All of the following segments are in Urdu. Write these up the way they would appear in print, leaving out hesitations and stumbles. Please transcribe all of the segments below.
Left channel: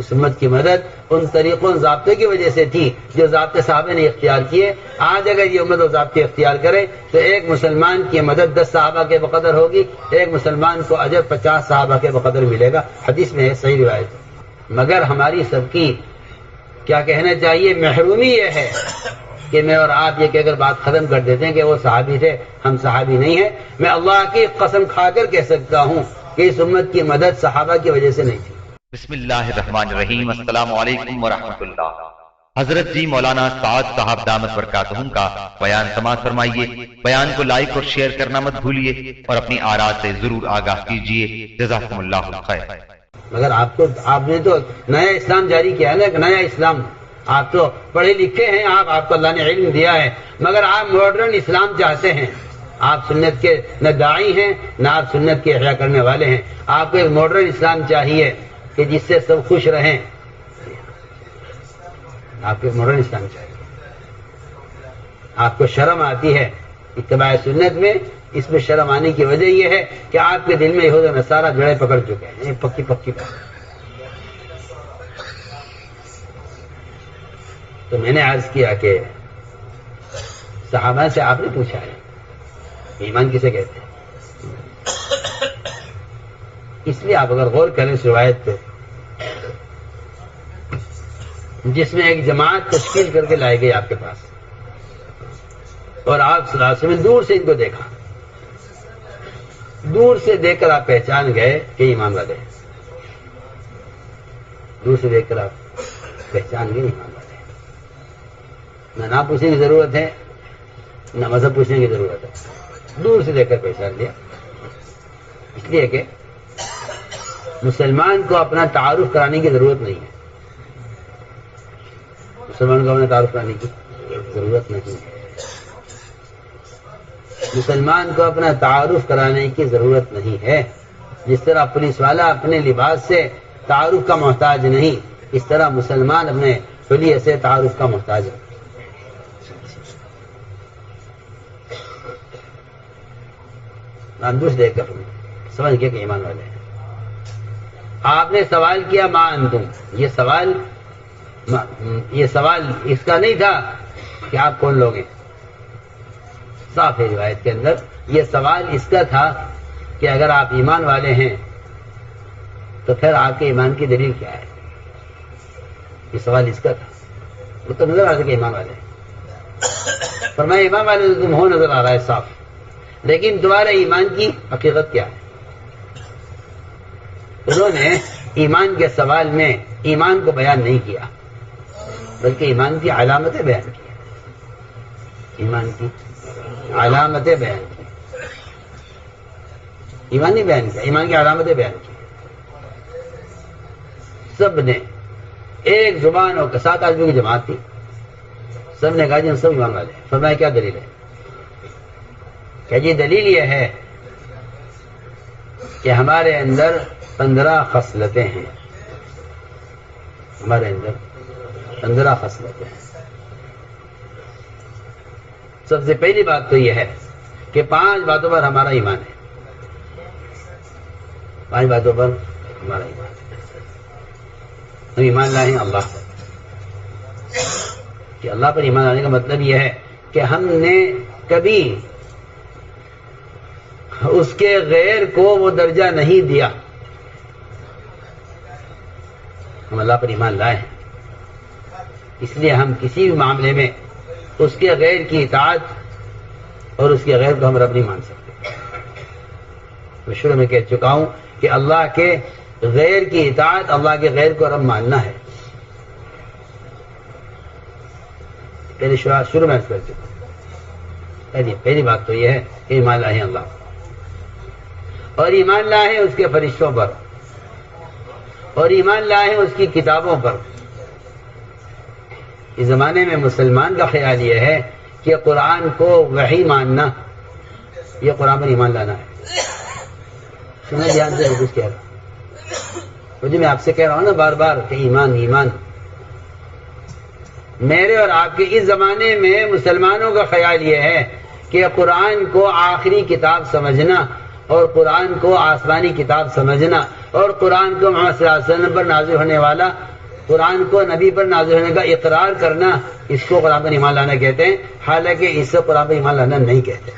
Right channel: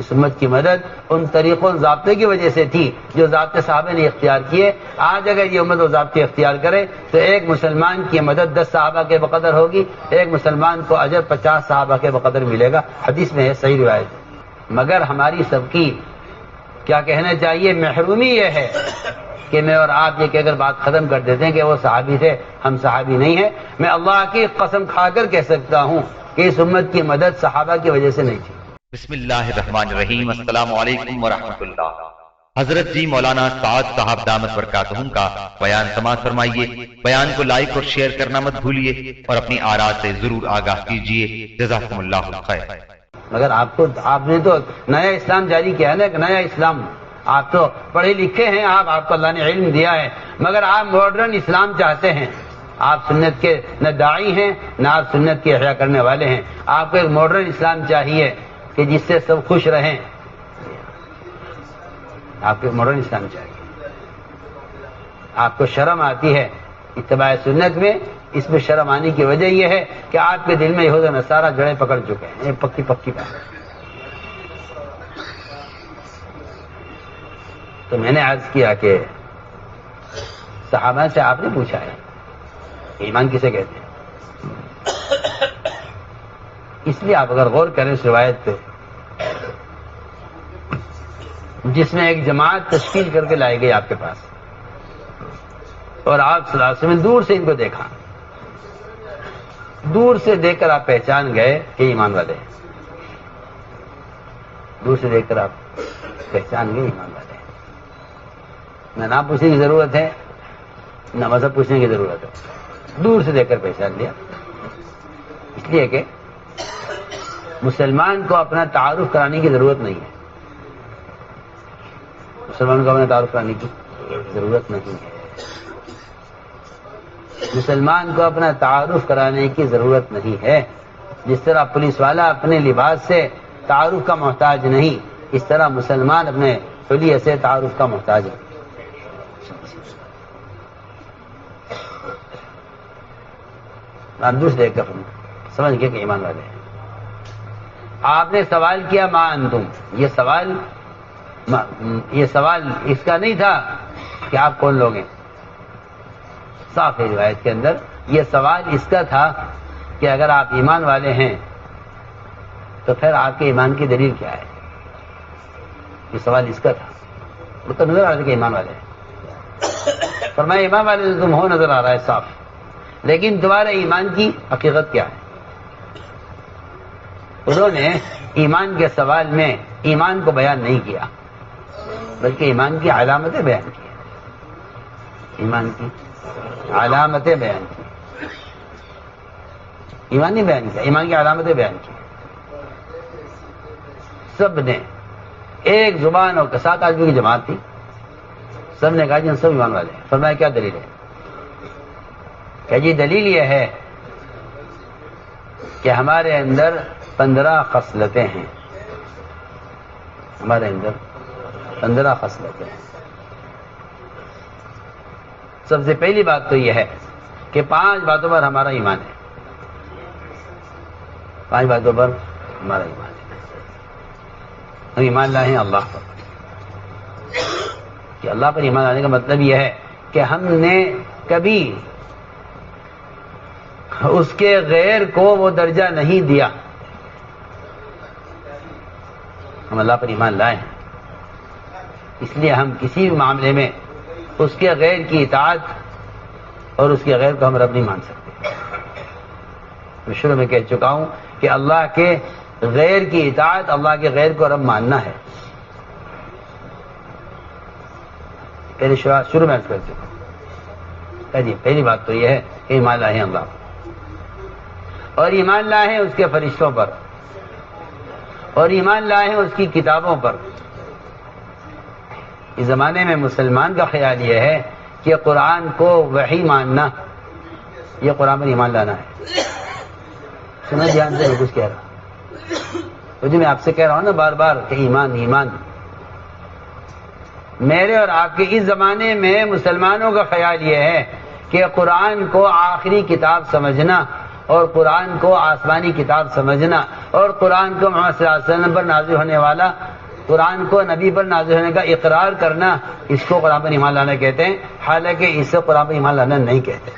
اس امت کی مدد ان طریقوں ضابطے کی وجہ سے تھی جو ضابطے صحابہ نے اختیار کیے. آج اگر یہ امت وہ ضابطے اختیار کرے تو ایک مسلمان کی مدد 10 صحابہ کے بقدر ہوگی، ایک مسلمان کو اجر 50 صحابہ کے بقدر ملے گا. حدیث میں ہے، صحیح روایت. مگر ہماری سب کی کیا کہنا چاہیے، محرومی یہ ہے کہ میں اور آپ یہ کہہ کر بات ختم کر دیتے ہیں کہ وہ صحابی تھے، ہم صحابی نہیں ہیں. میں اللہ کی قسم کھا کر کہہ سکتا ہوں کہ اس امت کی مدد صحابہ کی وجہ سے نہیں تھی. بسم اللہ الرحمن الرحیم. السلام علیکم ورحمۃ اللہ. حضرت جی مولانا سعد صاحب دامت برکاتہم کا بیان سماعت فرمائیے. بیان کو لائک اور شیئر کرنا مت بھولیے اور اپنی آراء سے ضرور آگاہ کیجیے. جزاکم اللہ خیر. مگر آپ نے تو نیا اسلام جاری کیا ہے نا، ایک نیا اسلام. آپ تو پڑھے لکھے ہیں، آپ کو اللہ نے علم دیا ہے، مگر آپ ماڈرن اسلام چاہتے ہیں. آپ سنت کے نہ داعی ہیں نہ آپ سنت کے احیا کرنے والے ہیں. آپ کو ایک ماڈرن اسلام چاہیے کہ جس سے سب خوش رہیں. آپ کو ماڈرن اسلام چاہیے. آپ کو شرم آتی ہے اتباع سنت میں، اس میں شرم آنے کی وجہ یہ ہے کہ آپ کے دل میں یہود و نصارہ جڑیں پکڑ چکے ہیں، ایک پکی بات. تو میں نے عرض کیا کہ صحابہ سے آپ نے پوچھا ہے ایمان کسے کہتے ہیں. اس لیے آپ اگر غور کریں اس روایت پہ، جس میں ایک جماعت تشکیل کر کے لائے گئی آپ کے پاس، اور آپ صلی اللہ علیہ وسلم نے دور سے ان کو دیکھا، دور سے دیکھ کر آپ پہچان گئے کہ ایمان والے ہیں. دور سے دیکھ کر آپ پہچان گئے ایمان والے ہیں. نہ نام پوچھنے کی ضرورت ہے نہ مذہب پوچھنے کی ضرورت ہے، دور سے دیکھ کر پہچان لیا. اس لیے کہ مسلمان کو اپنا تعارف کرانے کی ضرورت نہیں ہے. مسلمان کو اپنا تعارف کرانے کی ضرورت نہیں ہے. مسلمان کو اپنا تعارف کرانے کی ضرورت نہیں ہے. جس طرح پولیس والا اپنے لباس سے تعارف کا محتاج نہیں، اس طرح مسلمان اپنے حلیے سے تعارف کا محتاج ہے. آپ دوسرے دیکھ کر سمجھ گئے کہ ایمان والے ہیں. آپ نے سوال کیا ما انتم، یہ سوال اس کا نہیں تھا کہ آپ کون لوگ ہیں. صاف ہے روایت کے اندر یہ سوال اس کا تھا کہ اگر آپ ایمان والے ہیں تو پھر آپ کے ایمان کی دلیل کیا ہے. یہ سوال اس کا تھا. وہ تو نظر آ رہا تھا کہ ایمان والے ہیں. فرمایا ایمان والے تو تم ہو، نظر آ رہا ہے صاف، لیکن تمہارے ایمان کی حقیقت کیا ہے. انہوں نے ایمان کے سوال میں ایمان کو بیان نہیں کیا بلکہ ایمان کی علامتیں بیان کی. ایمان کی علامتیں بیان کی، ایمان نہیں بیان کیا، ایمان کی علامتیں بیان کی. سب نے ایک زبان اور 7 آدمی کی جماعت تھی، سب نے کہا جی ہم سب ایمان والے ہیں. فرمایا کیا دلیل ہے؟ کہ جی دلیل یہ ہے کہ ہمارے اندر 15 خصلتیں ہیں. ہمارے اندر 15 خصلتیں ہیں. سب سے پہلی بات تو یہ ہے کہ 5 باتوں پر ہمارا ایمان ہے. 5 باتوں پر ہمارا ایمان ہے. ہم ایمان لائے ہیں اللہ پر. کہ اللہ پر ایمان لانے کا مطلب یہ ہے کہ ہم نے کبھی اس کے غیر کو وہ درجہ نہیں دیا. ہم اللہ پر ایمان لائے ہیں، اس لیے ہم کسی بھی معاملے میں اس کے غیر کی اطاعت اور اس کے غیر کو ہم رب نہیں مان سکتے. میں شروع میں کہہ چکا ہوں کہ اللہ کے غیر کی اطاعت، اللہ کے غیر کو رب ماننا ہے. پہلے شروع میں کر چکا ہوں. پہلی بات تو یہ ہے کہ ایمان لائے ہیں اللہ اور ایمان لائے ہیں اس کے فرشتوں پر اور ایمان لائے ہیں اس کی کتابوں پر. اس زمانے میں مسلمان کا خیال یہ ہے کہ قرآن کو وحی ماننا یہ قرآن پر ایمان لانا ہے. سنا جی آپ سے کچھ کہہ رہا مجھے، میں آپ سے کہہ رہا ہوں نا بار بار کہ ایمان ایمان. میرے اور آپ کے اس زمانے میں مسلمانوں کا خیال یہ ہے کہ قرآن کو آخری کتاب سمجھنا اور قرآن کو آسمانی کتاب سمجھنا اور قرآن کو محمد صلی اللہ علیہ وسلم پر نازل ہونے والا قرآن کو نبی پر نازل ہونے کا اقرار کرنا، اس کو قرآن پر ایمان لانا کہتے ہیں، حالانکہ اس سے قرآن پر ایمان لانا نہیں کہتے۔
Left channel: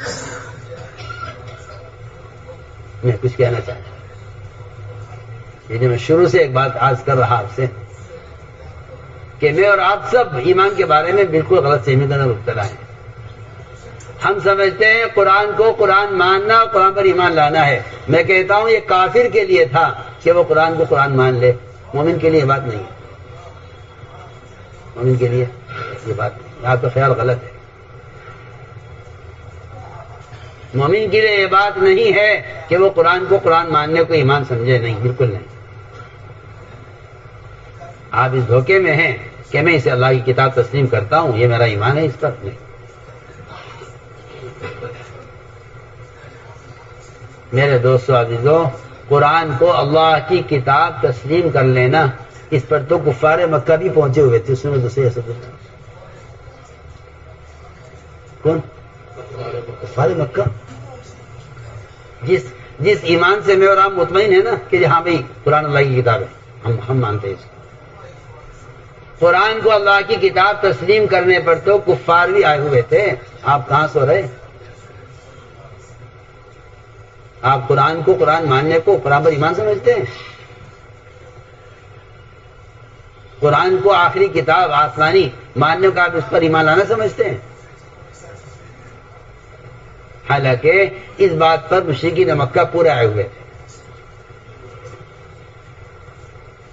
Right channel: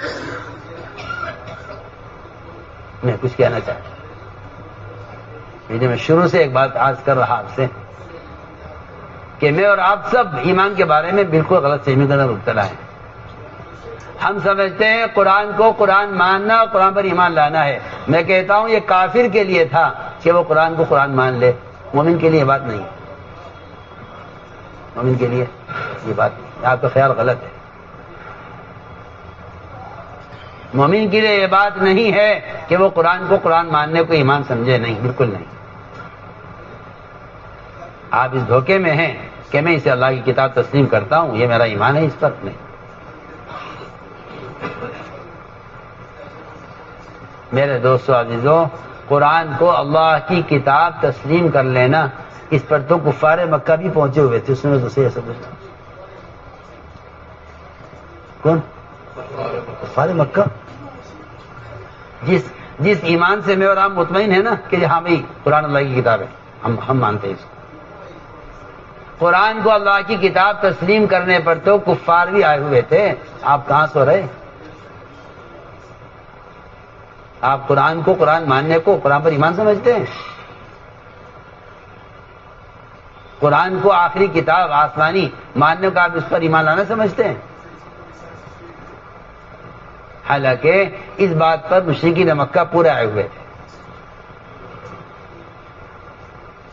میں کچھ کہنا چاہتا ہوں، میں شروع سے ایک بات عرض کر رہا آپ سے کہ میں اور آپ سب ایمان کے بارے میں بالکل غلط فہمی کا مبتلا ہے۔ ہم سمجھتے ہیں قرآن کو قرآن ماننا اور قرآن پر ایمان لانا ہے۔ میں کہتا ہوں یہ کافر کے لیے تھا کہ وہ قرآن کو قرآن مان لے، مومن کے لیے یہ بات نہیں ہے۔ مومن کے لیے یہ بات نہیں، آپ کا خیال غلط ہے۔ مومن کے لیے یہ بات نہیں ہے کہ وہ قرآن کو قرآن ماننے کو ایمان سمجھے، نہیں، بالکل نہیں۔ آپ اس دھوکے میں ہیں کہ میں اسے اللہ کی کتاب تسلیم کرتا ہوں، یہ میرا ایمان ہے، اس پر نہیں۔ میرے دوستو عزیزو، قرآن کو اللہ کی کتاب تسلیم کر لینا، اس پر تو کفار مکہ بھی پہنچے ہوئے تھے۔ اس میں دوسرے ایسا کچھ کون؟ کفار مکہ، جس ایمان سے میں اور آپ مطمئن ہے نا کہ ہاں بھائی قرآن اللہ کی کتاب ہے، ہم مانتے ہیں اس کو۔ قرآن کو اللہ کی کتاب تسلیم کرنے پر تو کفار بھی آئے ہوئے تھے، آپ کہاں سو رہے؟ آپ قرآن کو قرآن ماننے کو قرآن پر ایمان سمجھتے ہیں؟ قرآن کو آخری کتاب آسمانی ماننے کا آپ اس پر ایمان لانا سمجھتے ہیں؟ حالانکہ اس بات پر مشرکین مکہ پورے آئے ہوئے تھے،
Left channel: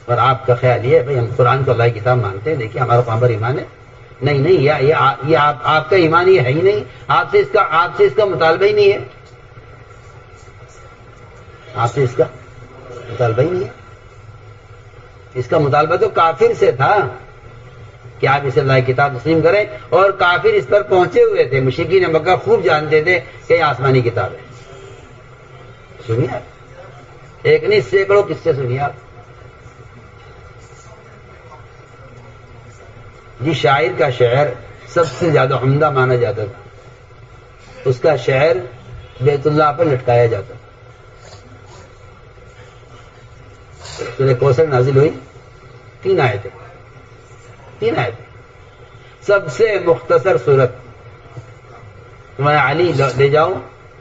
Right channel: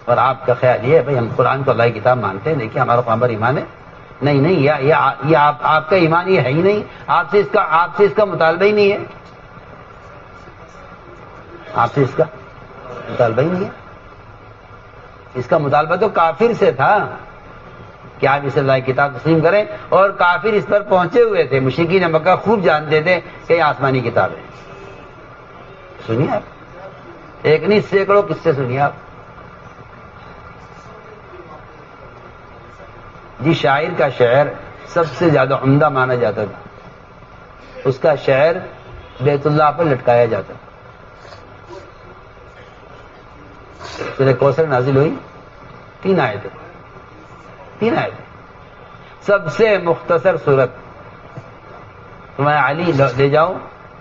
اور آپ کا خیال یہ ہے بھائی ہم قرآن کو اللہ کی کتاب مانتے ہیں، دیکھیے ہمارا قرآن پر ایمان ہے۔ نہیں، یہ آپ کا ایمان یہ ہے ہی نہیں، آپ سے اس کا مطالبہ ہی نہیں ہے، آپ سے اس کا مطالبہ ہی نہیں ہے۔ اس کا مطالبہ تو کافر سے تھا کہ آپ اسے اللہ کی کتاب تسلیم کریں، اور کافر اس پر پہنچے ہوئے تھے۔ مشرکین مکہ خوب جانتے تھے کہ یہ آسمانی کتاب ہے۔ سنیے آپ، ایک نہیں سینکڑوں قصے سنیے آپ۔ جس شاعر کا شعر سب سے زیادہ عمدہ مانا جاتا تھا، اس کا شعر بیت اللہ پر لٹکایا جاتا تھا۔ سورہ کوثر نازل ہوئی، 3 آیتیں، سب سے مختصر صورت، تمہارے علی لے جاؤ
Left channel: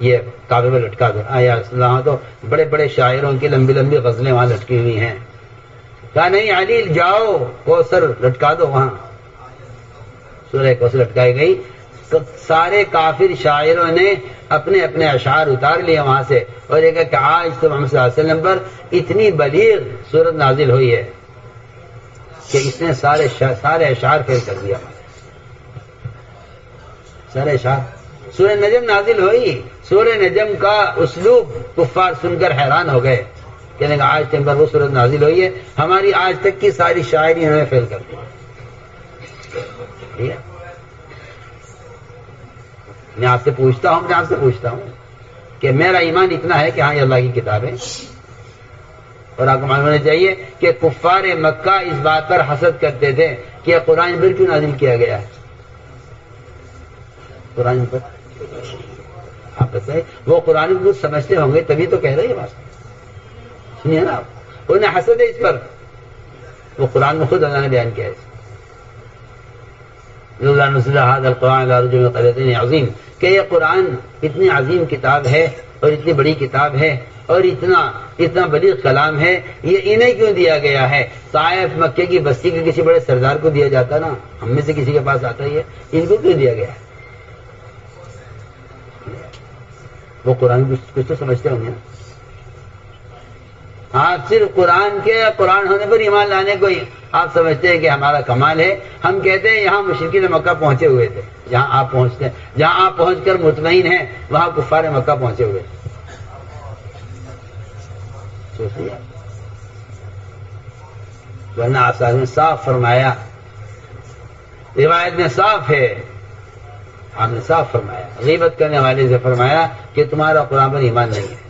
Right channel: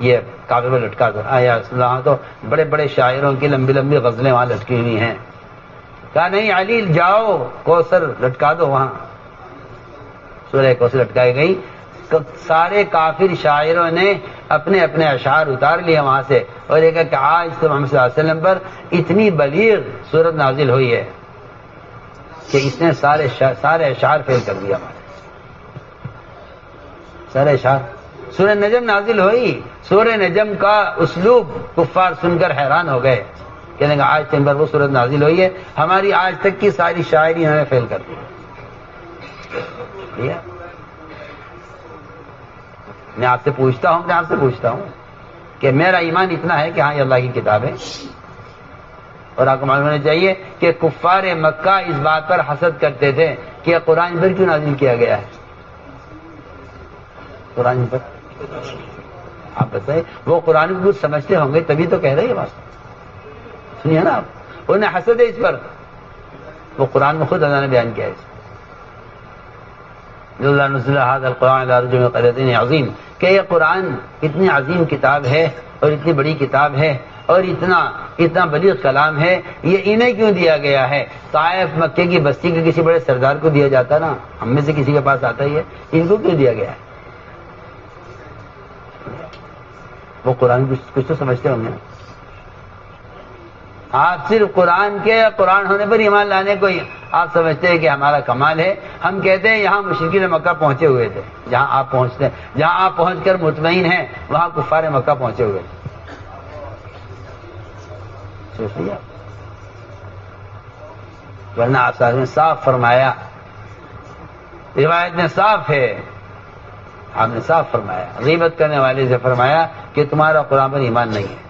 یہ کعبے میں لٹکا دو۔ آیا وہاں تو بڑے بڑے شاعروں کی لمبی لمبی غزلیں وہاں لٹکی ہوئی ہیں، کہا نہیں علی جاؤ کوثر لٹکا دو وہاں۔ سورہ کوثر لٹکائی گئی، سارے کافر شاعروں نے اپنے اپنے اشعار اتار لیے وہاں سے، اور یہ کہا کہ آج تو محمد صلی اللہ علیہ وسلم پر اتنی بلیغ صورت نازل ہوئی ہے کہ اس نے سارے اشعار فیل کر دیا، سارے اشعار۔ سورہ نجم نازل ہوئی، سورہ نجم کا اسلوب کفار سن کر حیران ہو گئے، کہنے کہ آج تم پر وہ صورت نازل ہوئی ہے، ہماری آج تک کی ساری شاعری ہمیں فیل کر دی۔ میں آپ سے پوچھتا ہوں کہ میرا ایمان اتنا ہے کہ ہاں یہ اللہ کی کتاب ہے، اور آپ کو معلوم ہونا چاہیے کہ کفار مکہ اس بات پر حسد کرتے تھے کہ یہ قرآن پر کیوں نازل کیا گیا ہے؟ قرآن پر آپ بتائیں، وہ قرآن کو کچھ سمجھتے ہوں گے تبھی تو کہہ رہے یہ بات، سنیے نا آپ، انہیں حسد ہے اس پر، وہ قرآن میں خود اللہ نے بیان کیا ہے عظیم، کہ یہ قرآن اتنی عظیم کتاب ہے اور اتنی بڑی کتاب ہے اور اتنا بلیغ کلام ہے، یہ انہیں کیوں دیا گیا ہے؟ طائف مکے کی بستی کے کسی بڑے سردار کو دیا جاتا نا، ہم میں سے کسی کے پاس آتا ہی ہے، ان کو کیوں دیا گیا ہے؟ وہ قرآن کچھ تو سمجھتے ہوں گے نا۔ آپ صرف قرآن ہونے پر ایمان لانے کو ہی آپ سمجھتے ہیں کہ ہمارا کمال ہے۔ ہم کہتے ہیں یہاں مشرکین مکہ پہنچے ہوئے تھے، جہاں آپ پہنچ کر مطمئن ہیں وہاں کفار مکہ پہنچے ہوئے تھے۔ ورنہ آثار میں صاف فرمایا، روایت میں صاف ہے، آپ نے صاف فرمایا، غیبت کرنے والے سے فرمایا کہ تمہارا قرآن پر ایمان نہیں ہے،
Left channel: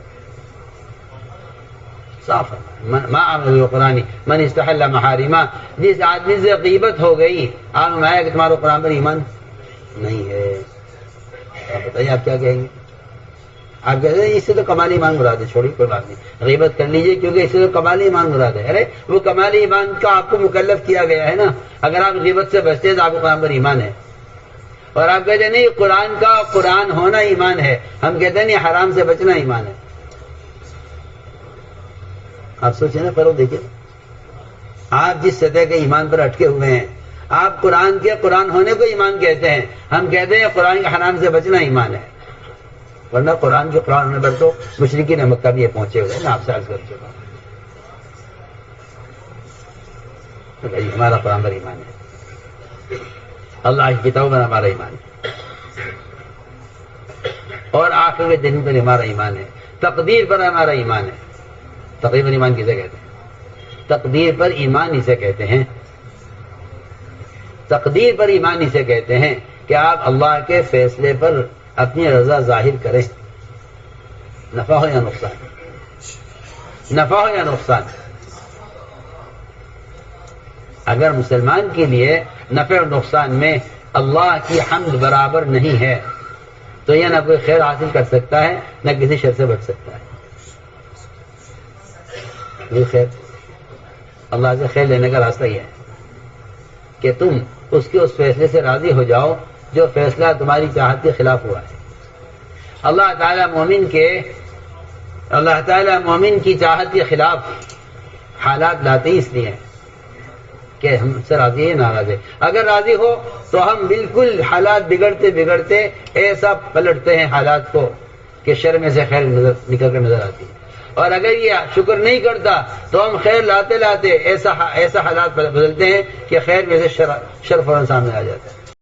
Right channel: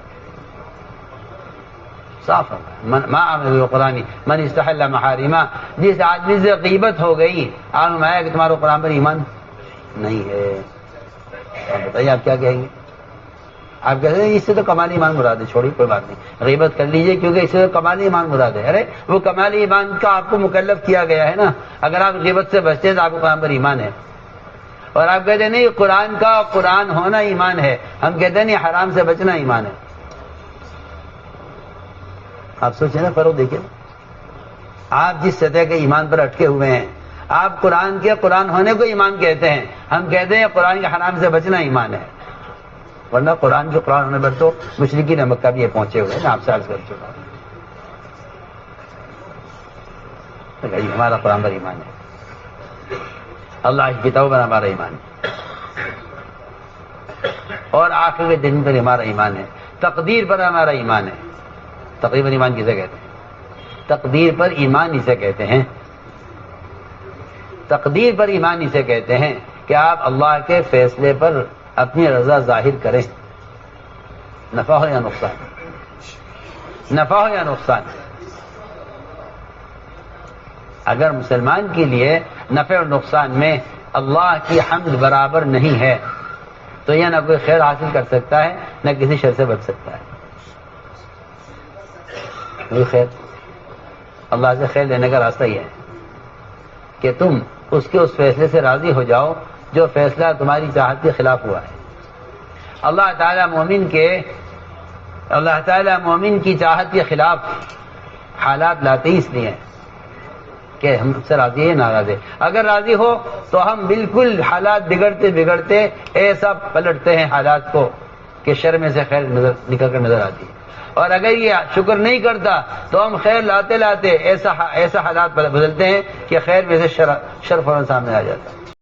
صاف ما عمل بالقرآن من استحل محارما، جس آدمی سے غیبت ہو گئی آپ نے فرمایا کہ تمہارا قرآن پر ایمان نہیں ہے۔ آپ بتائیے آپ کیا کہیں گے؟ آپ کہتے ہیں اس سے تو کمال ایمان مراد ہے، چھوڑی کوئی بات نہیں، غیبت کر لیجئے کیونکہ اس سے تو کمال ایمان مراد ہے۔ ارے وہ کمال ایمان کا آپ کو مکلف کیا گیا ہے نا، اگر آپ غیبت سے بچتے ہیں تو آپ کو قرآن پر ایمان ہے، اور آپ کہتے ہیں نہیں قرآن کا قرآن ہونا ایمان ہے، ہم کہتے ہیں نہیں حرام سے بچنا ایمان ہے۔ آپ سوچیں نا، فرق دیکھیں، آپ جس سطح کے ایمان پر اٹکے ہوئے ہیں، آپ قرآن کے قرآن ہونے کو ایمان کہتے ہیں، ہم کہتے ہیں قرآن کے حرام سے بچنا ایمان ہے، ورنہ قرآن کے قرآن ہونے پر تو مشرکین مکہ بھی یہ پہنچے ہوئے ہیں، آپ سے عرض کر چکا ہوں۔ ہمارا قرآن پر ایمان ہے، اللہ کی کتاب پر ہمارا ایمان ہے، اور آخر کے دن پر ہمارا ایمان ہے، تقدیر پر ہمارا ایمان ہے۔ تقدیر پر ایمان کسے کہتے ہیں؟ تقدیر پر ایمان اسے کہتے ہیں، تقدیر پر ایمان اسے کہتے ہیں کہ آپ اللہ کے فیصلے پر اپنی رضا ظاہر کریں، نفع ہو یا نقصان، نفع ہو یا نقصان۔ اگر مسلمان کے لیے نفع اور نقصان میں اللہ کی حمد برابر نہیں ہے تو یہ نہ کوئی خیر حاصل کر سکتا ہے نہ کسی شر سے بچ سکتا ہے۔ یہ خیر، اللہ سے خیر لینے کا راستہ یہ ہے کہ تم اس کے اس فیصلے سے راضی ہو جاؤ جو فیصلہ تمہاری چاہت کے خلاف ہوا ہے۔ اللہ تعالیٰ مومن کی چاہت کے خلاف حالات لاتے ہی اس لیے ہیں کہ ہم سے راضی ہے ناراض ہے۔ اگر راضی ہو تو ہم بالکل حالات بگڑتے بگڑتے ایسا پلٹتے ہیں حالات کو کہ شر میں سے خیر نکل کر نظر آتی ہے، اور اگر یہ شکر نہیں کرتا تو ہم خیر لاتے لاتے ایسا حالات بدلتے ہیں کہ خیر میں سے شر فوراً سامنے آ جاتا ہے۔